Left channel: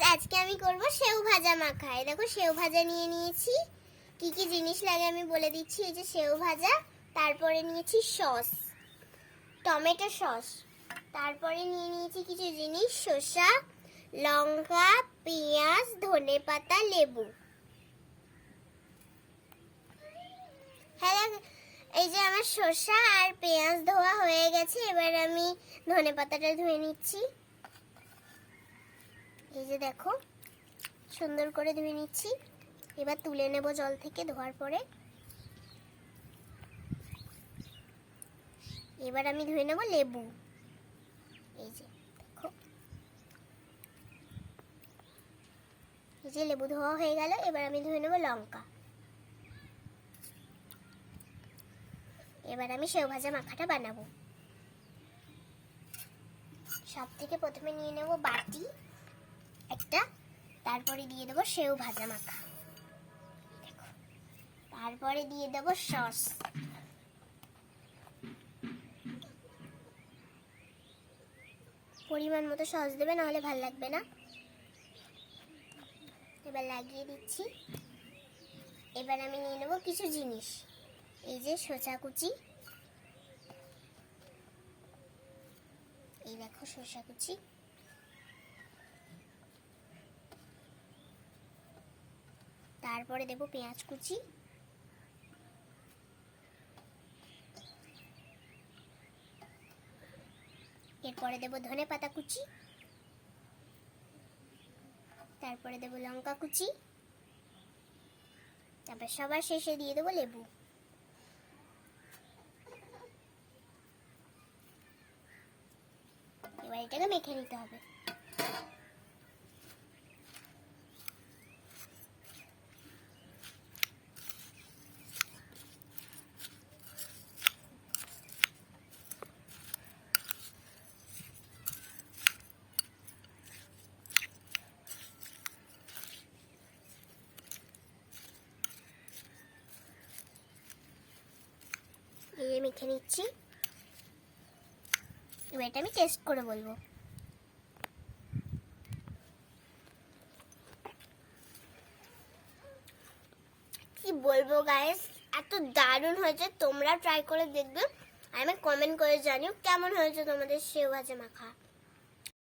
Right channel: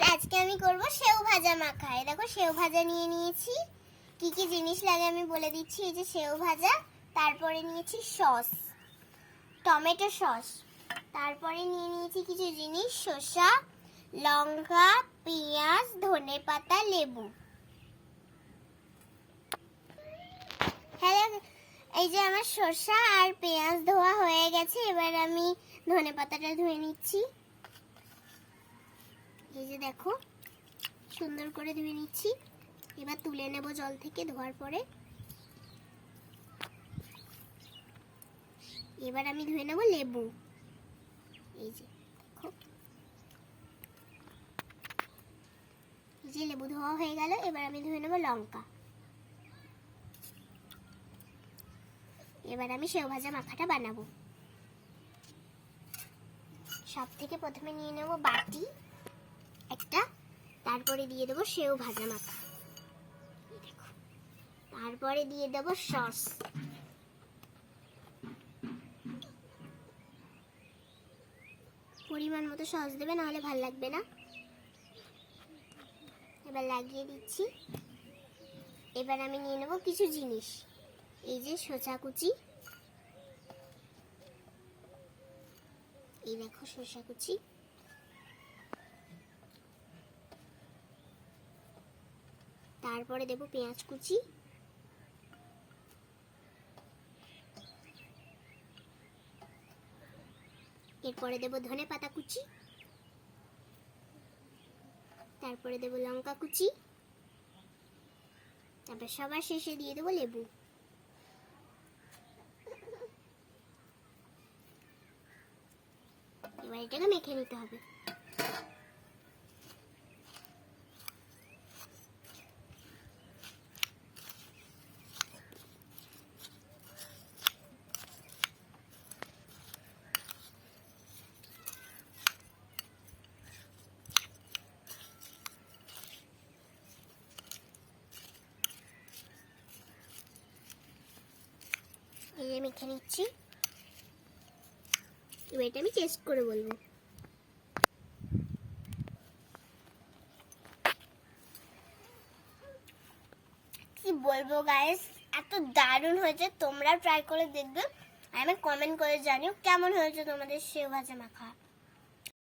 Guys আজকে আমি করব সেও ভাজা মাখা। এই দেখো, সেও ভাজা নিয়ে নিয়েছি। কি কি জিনিস লাগে আমি বলে দিচ্ছি, এই যে সেও ভাজা, তারপরে নিয়েছি সস, টমেটো সস, তারপরে নিয়ে নিয়েছি কিছু জিনিস, শসা, লঙ্কা, পেঁয়াজ, ধনে পাতা, লেবু। হ্যাঁ এই যে আমার শসা আর পেঁয়াজ ধোয়া হয়ে গেছে, এবার আমি ধনে পাতাটা ধুয়ে নিচ্ছি। যে দেখো, সুন্দর করে ধুয়ে নিচ্ছি। এবার তুলে নেব জল থেকে ধোয়ার পরে। এবার আমি ধুয়ে নেব লেবু। এই যে দেখো। এই যে লেবু ধোয়া হয়ে গেল, এবার আমি ধুয়ে নেব লঙ্কা। এবার আমি সেও ভাজা মাখাটা বানাবো। সব থেকে প্রথমে নিয়ে নেব বাটি। একটা। তারপরে দিয়ে দেবো সেও ভাজা মাখা। তারপরে দিয়ে দেবো সস। পরিমাণ মতো সস দেবে, নাহলে ভালো লাগবে না। এবার লাগিয়ে দিচ্ছি। এবার আমি নিয়ে নেব কিছু জিনিস। এই যে শসা কুচি। এই দেখো শসা কুচি। তারপরে দেব পেঁয়াজ কুচি। এরপরে দেব ধনে পাতা কুচি। তারপরে দেব লঙ্কা কুচি। তারপর সবার শেষে দিয়ে দেবো লেবু। এবার এটাকে মেখে নিতে হবে। এই যে মেখে নিচ্ছি। এবার এটা আমি টেস্ট করে বলব। কি বলব গাইস এত দারুণ হয়েছে তোমরা ট্রাই করে দেখবে। আমি কমেন্ট করে জানিও কেমন হয়েছে তোমাদের সেও ভাজা মাখা।